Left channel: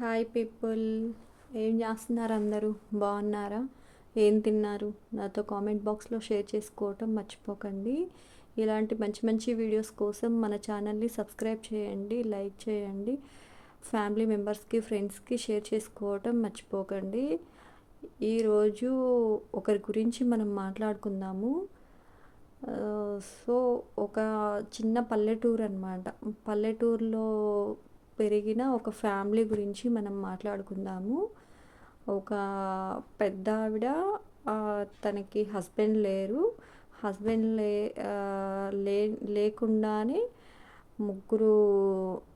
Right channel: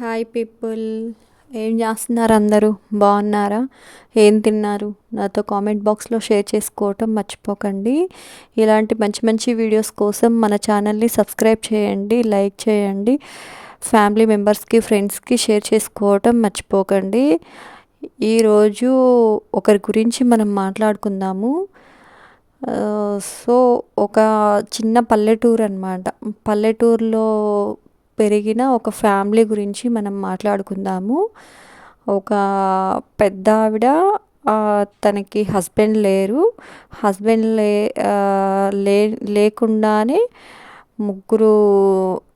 Hi people. ఏం చేస్తున్నారు అందరూ? బాగున్నారా? ఏం తిన్నారు? నాతో కామెంట్ బాక్స్లో షేర్ చేసుకోవటం మర్చిపోకండి. ఇలాంటి మంచి మంచి వీడియోస్ కోసం మన ఛానల్ని సబ్స్క్రైబ్ చేయండి లైక్ చేయండి ఫ్యామిలీ మెంబర్స్కి ఫ్రెండ్స్కి షేర్ చేసుకోవటం మర్చిపోకండి. ఈరోజు ఒకరి గురించి మనం మాట్లాడుకుందాము. సో ఒక చిన్న పల్లెటూరు అనమాట పల్లెటూరులో పెరిగిన ఒక ఫ్యామిలీ గురించి మనం మాట్లాడుకుందాము. ఒక పెద్ద ఆవిడ తనకి హస్బెండ్ లేరు. హస్బెండ్ లే లే లేకుండానే ముగ్గురు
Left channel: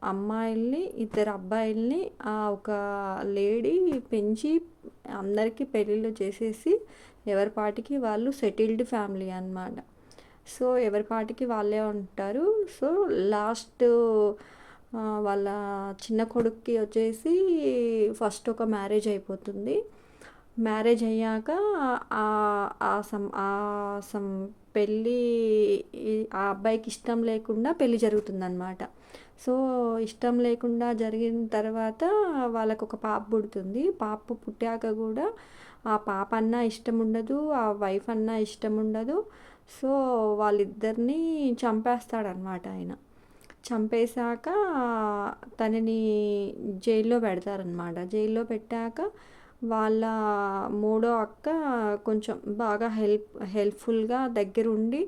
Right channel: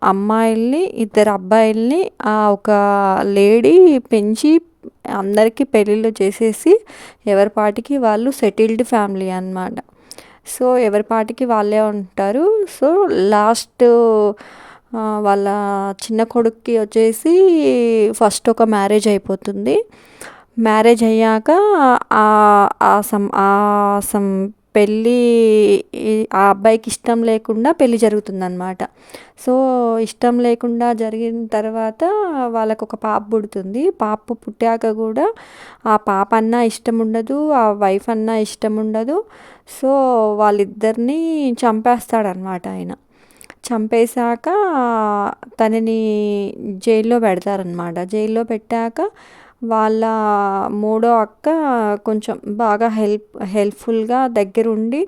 అమ్మాయిల్ని ఇద్దరు అబ్బాయిల్ని ఆ ఒక లేడీ పెంచి అందరికీ పెళ్ళిళ్ళు చేసేసి ఎవరి పాటికి వాళ్ళు సెటిల్డ్ ఫ్యామిలీ అన్నమాట. సో ఎవరి పాటికి వాళ్ళే ఉంటారు. సో లాస్ట్ వాళ్ళ చిన్న కొడుక్కి వచ్చేసి ఫస్ట్ ఒక మ్యారేజ్ అయిపోతుంది. మ్యారేజ్ అయ్యాక ఆ ఆ సం ఆ సం పెళ్ళి ఆ అబ్బాయికి ఇష్టం లేకుండా పెళ్ళి జరుగుతుందన్నమాట. సో ఇష్టం లేకుండా జరిగిన తర్వాత వాళ్ళకు ఒక పాప పుడుతుంది. పాప పుట్టాక కూడా ఆ పాప అన్నా ఇష్టం ఉండదు ఆ వైఫ్ అన్నా ఇష్టం ఉండదు. సో వాళ్ళిద్దరినీ చంపేస్తాడనమాట ఆయన. చంపేశాక తనని జైల్లో పెడతారనమాట జైల్లో పెట్టాక వాళ్ళ మూడో అక్క కొంచెం బాగా హెల్ప్ హెల్ప్ఫుల్గా దగ్గరుండి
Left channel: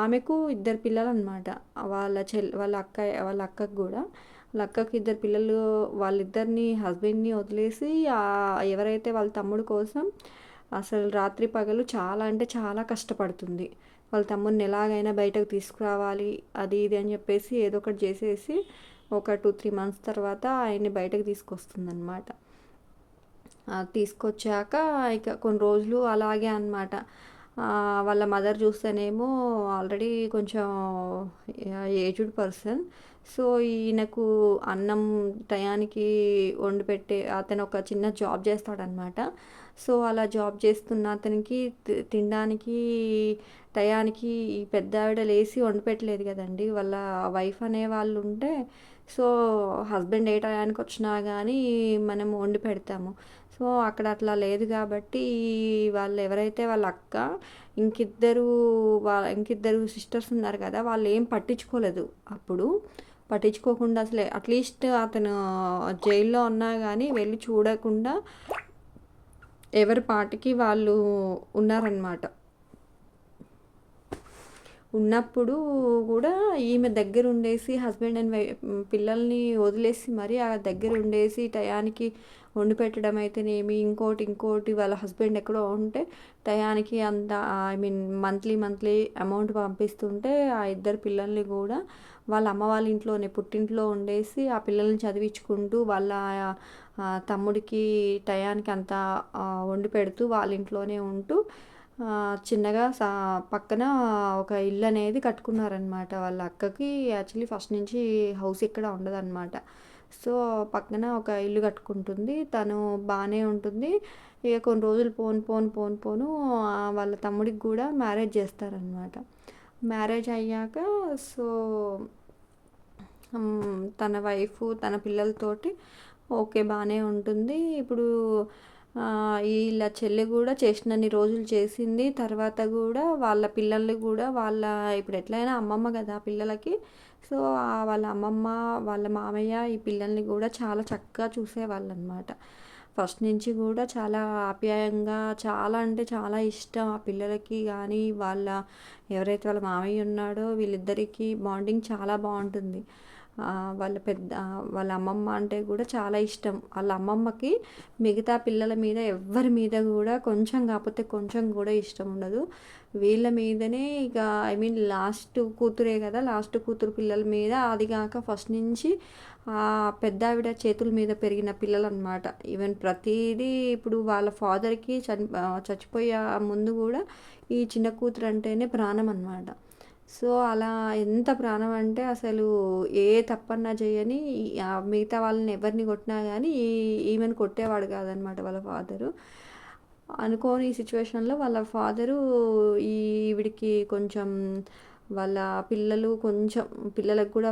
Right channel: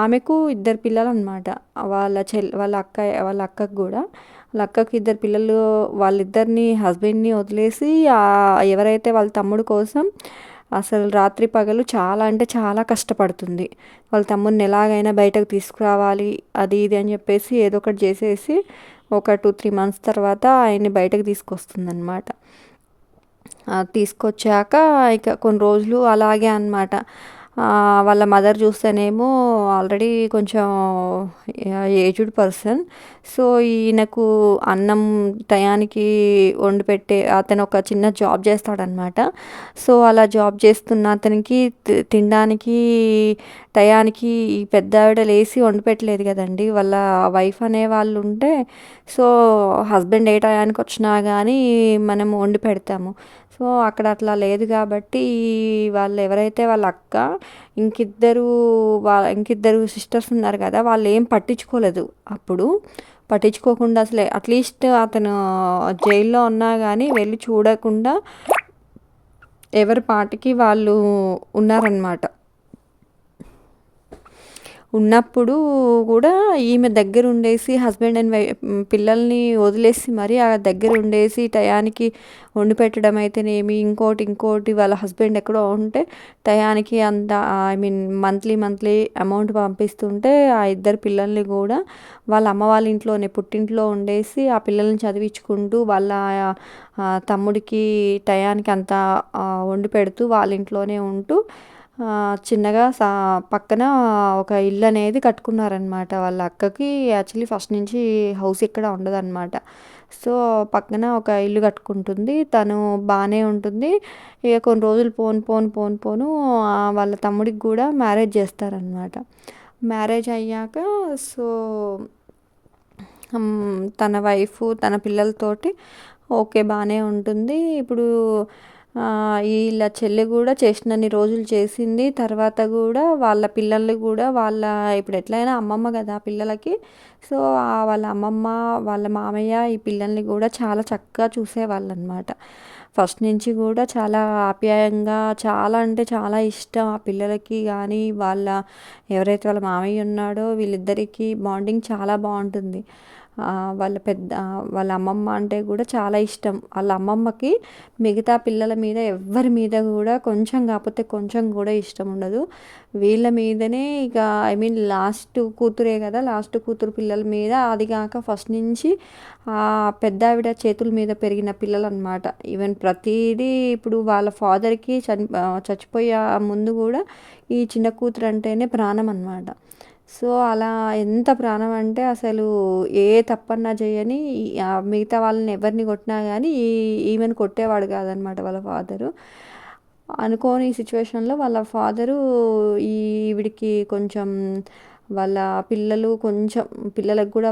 ఆమెకు ఇద్దరు పిల్లలు అనమాట వాళ్ళ చెల్ వాళ్ళ అక్క వాళ్ళ అక్కకు కూడా. వాళ్ళ అక్కకి ఇద్దరు పిల్లలు వాళ్ళిద్దరిని హస్బెండ్ని వదిలేసి ఎవరైతే వాళ్ళ తమ్ముడు కోసం అసలు రాత్రి పగలు చాలా అంటే చాలా కష్టపడుతుంది. వాళ్ళ తమ్ముడిని ఎలాగైనా బయటకు తీసుకురావాలి అది ఇది అని చెప్పేసి ఏదో ఒకటి చేసేసి ఒక టూ త్రీ మంత్స్ తర్వాత ఆయన్ని బయటకు తీసుకొస్తుంది తీసుకొచ్చాక ఇక కొన్ని రోజులు అలాగే అన్నమాట. వాళ్ళ మదర్ చూస్తేనేమో ఆల్రెడీ కొంచెం ఏజ్డ్ పర్సన్. సో ఈయనకు అన్నం టయానికి వండి పెట్టే అతను ఒక చిన్న జాబ్ చేస్తాడనమాట సో అలా జాబ్ చేస్తున్న అతనికి తినడానికి టయానికి ఈ పెద్ద ఆవిడ లేచి వండి పెట్టలేదు కదండి. వాళ్ళ వైఫ్ అనే వాళ్ళు ఉంటే సో హస్బెండ్ ఏ టయానికి వచ్చినా కానీ మనం వండి పెడతాము. సో అక్కడ అట్లా లేదు కాబట్టి వాళ్ళు ఎవరైతే వాళ్ళ అక్క ఇంకిద్దరు వా ఇంకిద్దరు సిస్టర్స్ ఉన్నారు కదా వాళ్ళు ఏం పట్టించుకోలేదు అప్పుడు. పట్టించుకోకుండా అసలు అట్లీస్ట్ అతను జైల్లో ఉన్నా కానీ వెళ్ళి చూడకుండా ఎవరి పాటికి వాళ్ళు ఉన్నారనమాట ఉన్నప్పుడు కూడా ఈమె దగ్గర ఉండేసి హస్బెండ్ అండ్ పిల్లల్ని వదిలేసి మరి ఆ దగ్గర ఉండేసి టయానికి వండి పెట్టడం అయితేనేమి ఇంకోటి ఇంకోటి వాళ్ళ హస్బెండ్ ఎక్కడో ఉంటే టయానికి అంత I mean monthly monthly amount పంపిస్తుంటే ఆ ఇద్దరు పిల్లల్ని కూడా వాళ్ళ అమ్మ వాళ్ళ ఇంట్లోనే పుట్టింట్లో ఉండేసి ఆ పిల్లల్ని చదివించుకుంటూ వాళ్ళ తమ్ముడికి టయానికి అంతా వండి పెడుతూ వాళ్ళ ఇంట్లోనే ఉంటూ చిన్నగా సా పక్కన ఒక ఇల్లు అనేది కట్టుకున్నారనమాట వాళ్ళ అక్కకి. యాక్చువల్లీ ఫస్ట్ నుంచి హౌస్ ఇక్కడ ఉండదన్నమాట సో పక్కన ఒక ఇల్లు కట్టుకుంటుంది. తను బాగానే ఉంటుంది. ఇక కొన్ని రోజులు పోను పోను పోను పోను వాళ్ళ తమ్ముడికి కూడా మ్యారేజ్ చేస్తారనమాట. మ్యారేజ్ అయ్యాక సో తన వైఫ్ తన పిల్లలతోటి ఓకే బాగానే ఉంటుంది. ఇప్పుడు వీళ్ళ చెల్లి కూడా చేసినన్ని రోజులు చేసింది. తర్వాత కూడా వాళ్ళ పిల్లల్ని కూడా వాళ్ళ ఇప్పుడు ఎట్లయినా అమ్మమ్మ కదా పిల్లలకి. సో ఆ వాళ్ళ అమ్మమ్మ వాళ్ళ మామయ్య ఈ పిల్లల్ని కూడా చాలా చక్కగా చూసేవాళ్ళు అనమాట ఫస్ట్ నుంచి కూడా చాలా ఆప్యాయంగా చాలా అంటే చాలా ఇష్టం ఆ పిల్లలకి. కానీ వాళ్ళ ఎవరైతే వాళ్ళ మామయ్య ఉన్నాడో వీళ్ళిద్దరికీ బాండింగ్ చాలా బాగుంటుంది. వాళ్ళ పెద్ద వాళ్ళ అమ్మమ్మ అంటే కూడా చాలా ఇష్టం. వాళ్ళ అమ్మమ్మకి మిగతా పిల్లల మీద ఎవ్వరి మీద కూడా కొంచెం కాకపోతే కొంచెం కూడా ఇష్టం ఉండదు. వీళ్ళ మీదనే ఇక ఐ మీన్ లాస్ట్ కూతురే కదా లాస్ట్ కూతురు పిల్లల మీద అది కాక ఫస్ట్ నుంచి ఆ పెద్ద ఆవిడ చేతుల మీద పెరిగిన పిల్లలు అనమాట ఈవెన్ ప్రతిదీ ఇప్పుడు వాళ్ళ ఫాదర్కి చని చచ్చిపోయే ముందు కూడా ఈ చిన్న కూతురు అంటేనే ప్రాణం అనమాట సో అలా ఎంత ప్రాణం అంటే అసలు ఏ తప్పన్నా చేయని మిగతా వాళ్ళని ఎవరిని కొట్టినా కానీ ఈ ఈమెను కొట్టేవాడు కాదనమాట వాళ్ళ ఫాదరు. అనుకోని సిచ్యువేషన్లో వాళ్ళ ఫాదరు ఈవిడికి కొంచెం వాళ్ళ పిల్లలు కొంచెం పిల్లలకు కూడా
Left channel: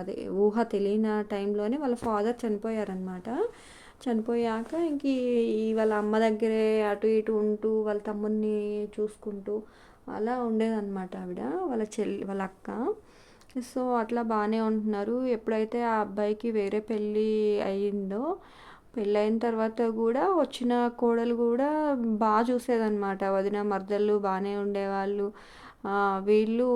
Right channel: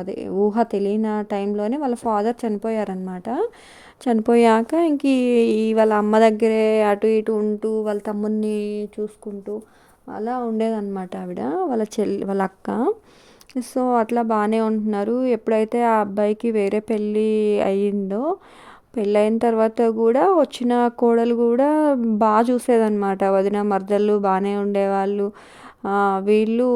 అదే ఊహ తెలియని టైంలోనే వాళ్ళ ఫాదర్ చనిపోయారనమాట. చనిపోయాక ఇంక ఈ వాళ్ళ అమ్మ దగ్గరే అటు ఇటు ఉంటూ వాళ్ళ తమ్ముడిని చూసుకుంటూ అలా ఉండేదన్నమాట ఆవిడ వాళ్ళ చెల్లి వాళ్ళ అక్క. సో అట్లా బాగానే ఉంటున్నారు. ఎప్పుడైతే ఆ అబ్బాయికి వేరే పెళ్ళి అయ్యిందో పెళ్ళైన తర్వాత కూడా వచ్చిన కోడలు కూడా బాగా చూసేదన్నమాట. వదిన మరదళ్ళు బాగానే ఉండేవాళ్ళు. వీళ్ళు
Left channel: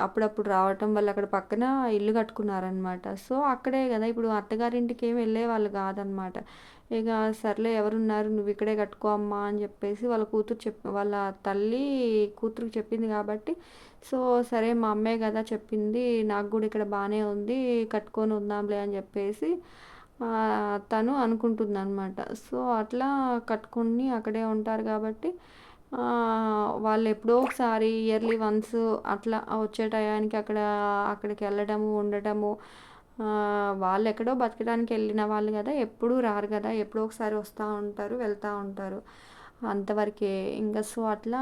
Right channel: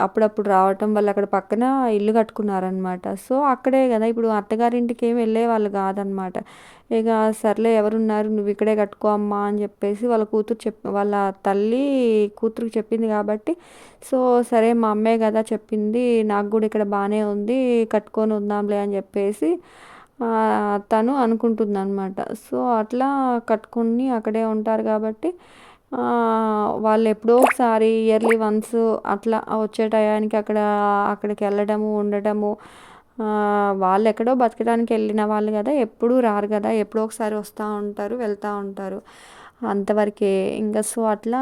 అప్పుడప్పుడు రావటం వల్ల అక్కడ పక్కన ఇల్లు కట్టుకున్నారనమాట సో అక్కడే కదా ఇప్పుడు అత్తగారింటికి ఏమి వెళ్ళేవాళ్ళు కాదనమాట ఇక సర్లే ఎవరున్నారు నువ్వు ఇక్కడే కట్టుకో అమ్మా అని చెప్పేసి వాళ్ళ కూతురు చెప్ వాళ్ళ తల్లి కూతురుకి చెప్పింది కాబట్టి సో సరే మా అమ్మే కదా చెప్పింది నాకు కూడా ఇక్కడ బాగానే ఉంది కట్టుకొని ఉందాంలే అని చెప్పేసి తను అనుకుంటుంది అనమాట సో అట్లా కట్టుకుని అక్కడే ఉంటారు కాబట్టి వాళ్ళు ఎప్పుడో ఒకసారి ఇయర్లీ వన్స్ అట్లా వచ్చే టయానికి అక్కడ అక్కడికి వెళ్ళడము ఉండటము వాళ్ళు ఎక్కడో బతకడానికి వెళ్ళిన వాళ్ళు కదా ఎప్పుడూ రారు కదా ఎప్పుడో ఒకసారి వస్తూ ఉంటారు వెళ్తూ ఉంటారు. అంతవరకే ఇంకా సో అట్లా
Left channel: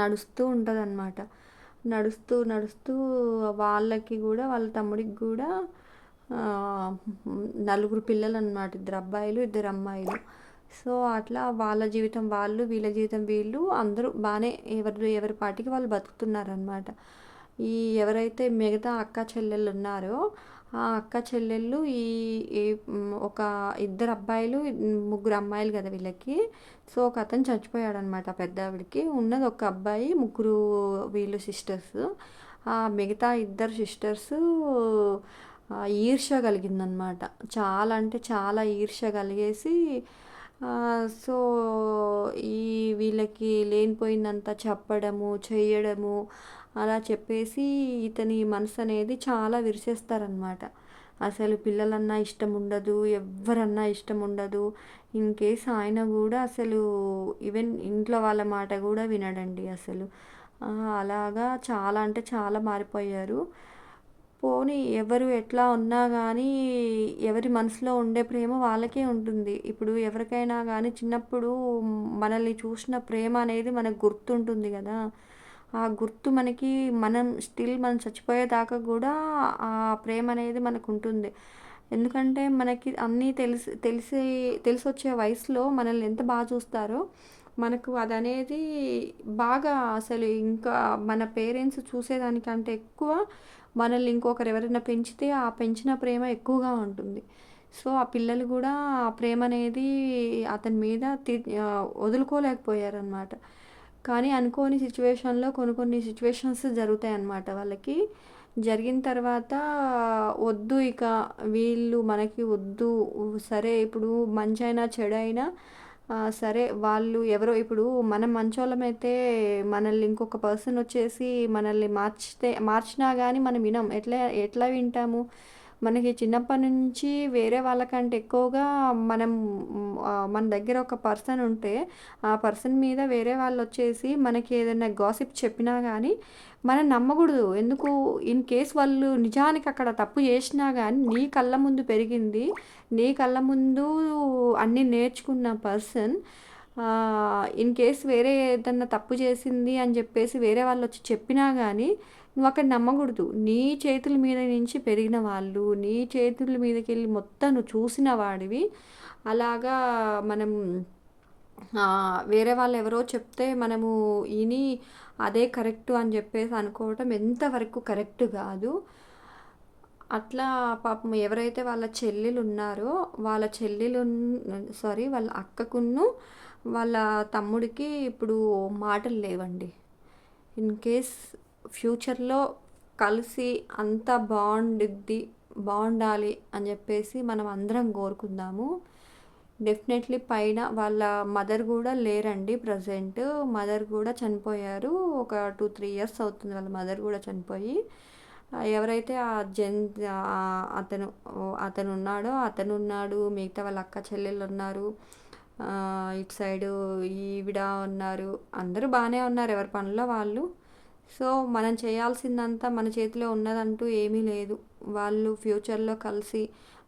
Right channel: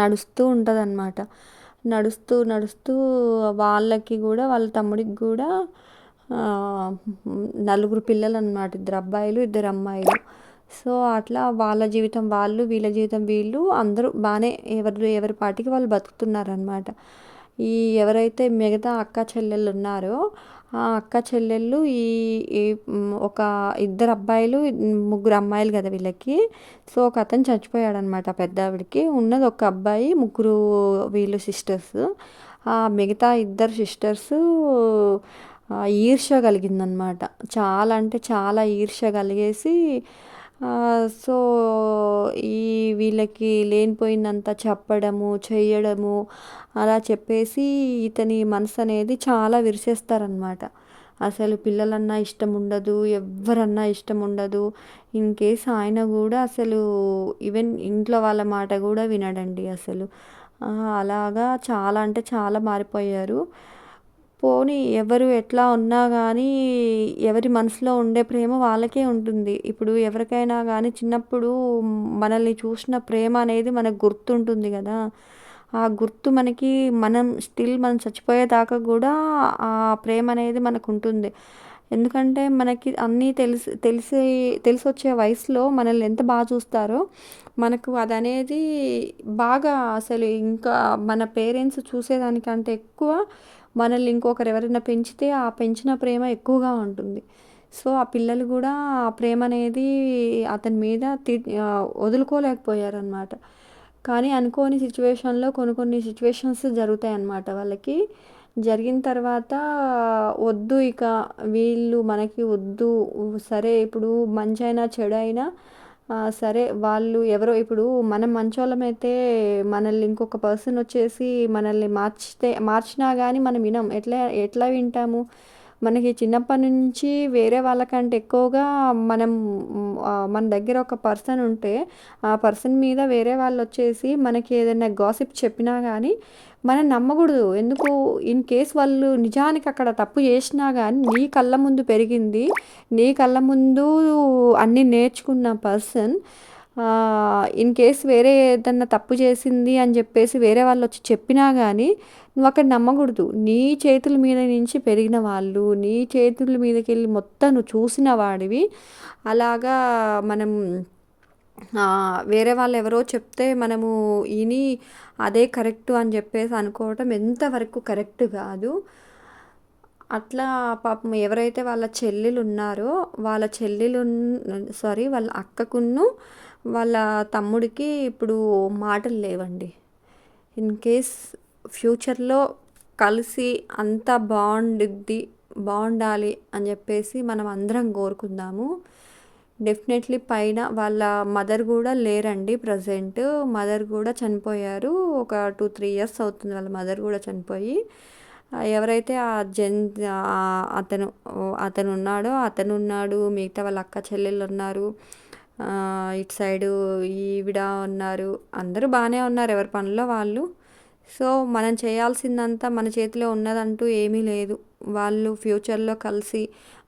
నడుస్తూ ఉంటుంది అనమాట నడుస్తూ నడుస్తూ వాళ్ళకి కూడా వాళ్ళ తమ్ముడికి కూడా నలుగురు పిల్లలు అనమాట ఇద్దరు అబ్బాయిలు ఇద్దరు అమ్మాయిలు. సో అట్లా వాళ్ళ జీవితం వాళ్ళు వీళ్ళ జీవితం వీళ్ళు అందరూ బాగానే ఎవరు ఎవరి పాటికి వాళ్ళు బతుకుతున్నారనమాట ఈ ఎవరైతే మిగతా అక్క చెల్లెళ్ళు ఉన్నారో ఆ అక్క చెల్లెళ్ళు ఈ ఒక ఇద్దరు అబ్బాయిలు ముగ్గురు అమ్మాయిలు కదా వీళ్ళకి. సో ఒక అతను చచ్చిపోయాడనమాట పెద్ద ఆవిడకి ఉన్నది ఒక అబ్బాయి ముగ్గురు వీళ్ళు సిస్టర్స్. ఆ మిగతా ఇద్దరు సిస్టర్స్ ఈర్ష్య కలిగిందనమాట. చాలా అంటే చాలా ఈర్ష్య కలిగేసి సో ఈ వీళ్ళకి లేనిపోయిందంతా చెప్పడము చేయడము అలా చెప్పేసి ఇతని మనసు అనేది చాలా విరిసేస్తారనమాట అసలు పిల్లలన్నా ఇష్టం ఉండదు ఎవరన్నా ఇష్టం ఉండదు ఇన్ కేస్ ఆయన కూడా అసలు ఈవెన్ ఇంట్లో వాళ్ళ మాట కూడా వినడండి అసలు. అలాగా చాలా అంటే చాలా మారిపోయారు. పోనీ ఎవరు ఎట్లా ఉన్నా కానీ ఎవరి మనసులో ఉండే ప్రేమ వాళ్ళకే ఉంటుంది. ఇప్పుడు ఎవరికైనా కానీ చిన్నప్పుడు మనల్ని చూసిన ప్రేమ అనేది మనకు గుర్తుంటుంది కదా. ఆ గుర్తు మనకి మనం స్టిల్ మనం చచ్చిపోయేదాకా కూడా ఆ ప్రేమ అనేది మనకు ఉంటుంది ఎందుకంటే మనకి అన్నీ తెలిసి తెలిసి తెలిసి వచ్చే వయసులో మనల్ని ఎంత బాగా చూస్తారో మనకు అది అనేది బాగా అసలు ఇంకా మన పేరెంట్స్ చూసేదానికంటే ఎక్కువ మనల్ని ఇంకొకరు ఎవరైనా పెంచితే ఆ పెంచిన ప్రేమ ఎక్కువగా ఉంటుంది. సో ఆ పిల్లలు కూడా ఆ ప్రేమ అనేది అతని మీద తి వదులుకోలేకపోయారనమాట కానీ అనుకోని సిచ్యువేషన్లో కొన్ని కొన్ని సిచ్యువేషన్స్ జరుగుతాయి అన్నమాట వాళ్ళకి. జరిగిన తర్వాత వద్దు ఇక వీళ్ళు మనకి వద్దు సరే ఇప్పుడు మంచి అయినా చెడు అయినా సరే వాళ్ళు ఎవరో ఇప్పుడు మనం మంచోళ్ళమైతే మనల్ని ఇంకొక పర్సన్ వచ్చేసి మనల్ని మార్చితే మార్చినా కానీ మనం వినం. ఎట్లా ఎట్లా వింటాము? మనకి చిన్నప్పటి నుంచి వేరే వాళ్ళకంటే ఎక్కువగా మనం మన దగ్గర ఒక పర్సన్ ఉంటే ఆ పర్సన్ మీద వేరే వాళ్ళు వచ్చేసి మనకి ఏదైనా గాసిప్ చెప్పినా కానీ మనం నమ్మకూడదు. ఎందుకు? ఇన్ కేస్ వాళ్ళు నిజానికి అక్కడ తప్పు చేసినా కానీ నీ కళ్ళ ముందు పెరిగింది నీ కళ్ళ ముందు అన్నీ నేర్చుకున్న పర్సన్ ఇన్ కేస్ వేరే ఏదన్నా తప్పు చేసింది అని చెప్పేసి వేరే వాళ్ళు వచ్చి చెప్పినా కానీ నువ్వు అక్కడ నమ్మకూడదు. నీ చేతుల మీద నుంచి పెరిగిన వాళ్ళు నీ చేతుల మీదకి వెళ్ళి మొత్తం నువ్వు చూసిన వాడివి. అలాగా మనం వేరే వాళ్ళు ఎవరో చెప్తే మనము ఇని అదే కరెక్ట్ అని చెప్పేసి అనుకోవటం ఎంతవరకు కరెక్ట్ కాదు. అట్లా పాపం ఎవరైతే వాళ్ళ చెల్లెలు ఉన్నారో వాళ్ళ చెల్లెలు సారీ వాళ్ళ అక్కకును వాళ్ళ తమ్ముడికి ఇప్పుడు మాటలు లేవండి. ఇన్ కేస్ ఫ్యూచర్లో కలిసి అంతా బాగుండిద్ది బాగుండాలి అని చెప్పేసి మనం అందరం కోరుకుందాము. డెఫినెట్లీ పైన వాళ్ళ మదర్ కూడా లేరండి ప్రజెంట్. మదర్ కూడా చనిపోయారు. ఒక టూ త్రీ ఇయర్స్ అవుతుంది వాళ్ళ మదర్ కూడా చనిపోయి. ఎవరైతే ఆ జన్ అతను అతను ఉన్నాడో అతను ఉన్నాడు మిగతా వాళ్ళ అక్క చెల్లెళ్ళు ఉన్నారు ఇటు సైడు ఈవిడ ఉన్నారు అందరూ బాగానే ఉన్నారు. ఎవరి పనిలో వాళ్ళు సో మనం చేయాల్సిందంతా మన చేతిలో ఉన్నదంటూ ఏమీ లేదు. వాళ్ళు ఫ్యూచర్లో కలిసి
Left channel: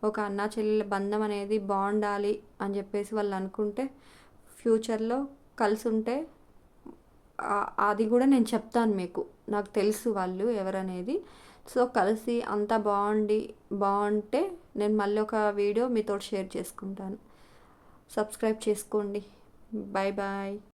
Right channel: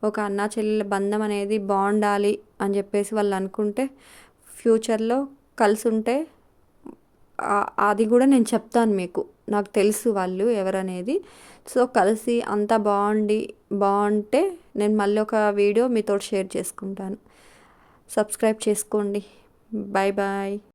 ఒక అన్నా చెల్లెల బంధం అనేది బాగుండాలి అని చెప్పేసి వాళ్ళు అనుకుంటే ఫ్యూచర్లో కలిసి ఉంటే అది కూడా నేను చెప్తాను మీకు. నాకు తెలుసు వాళ్ళు ఎవరనేది. సో కలిసి అంతా బాగుండి బాగుంటే నేను మళ్ళీ ఒక వీడియో మీతో షేర్ చేసుకుంటాను. సబ్స్క్రైబ్ చేసుకోండి. Bye bye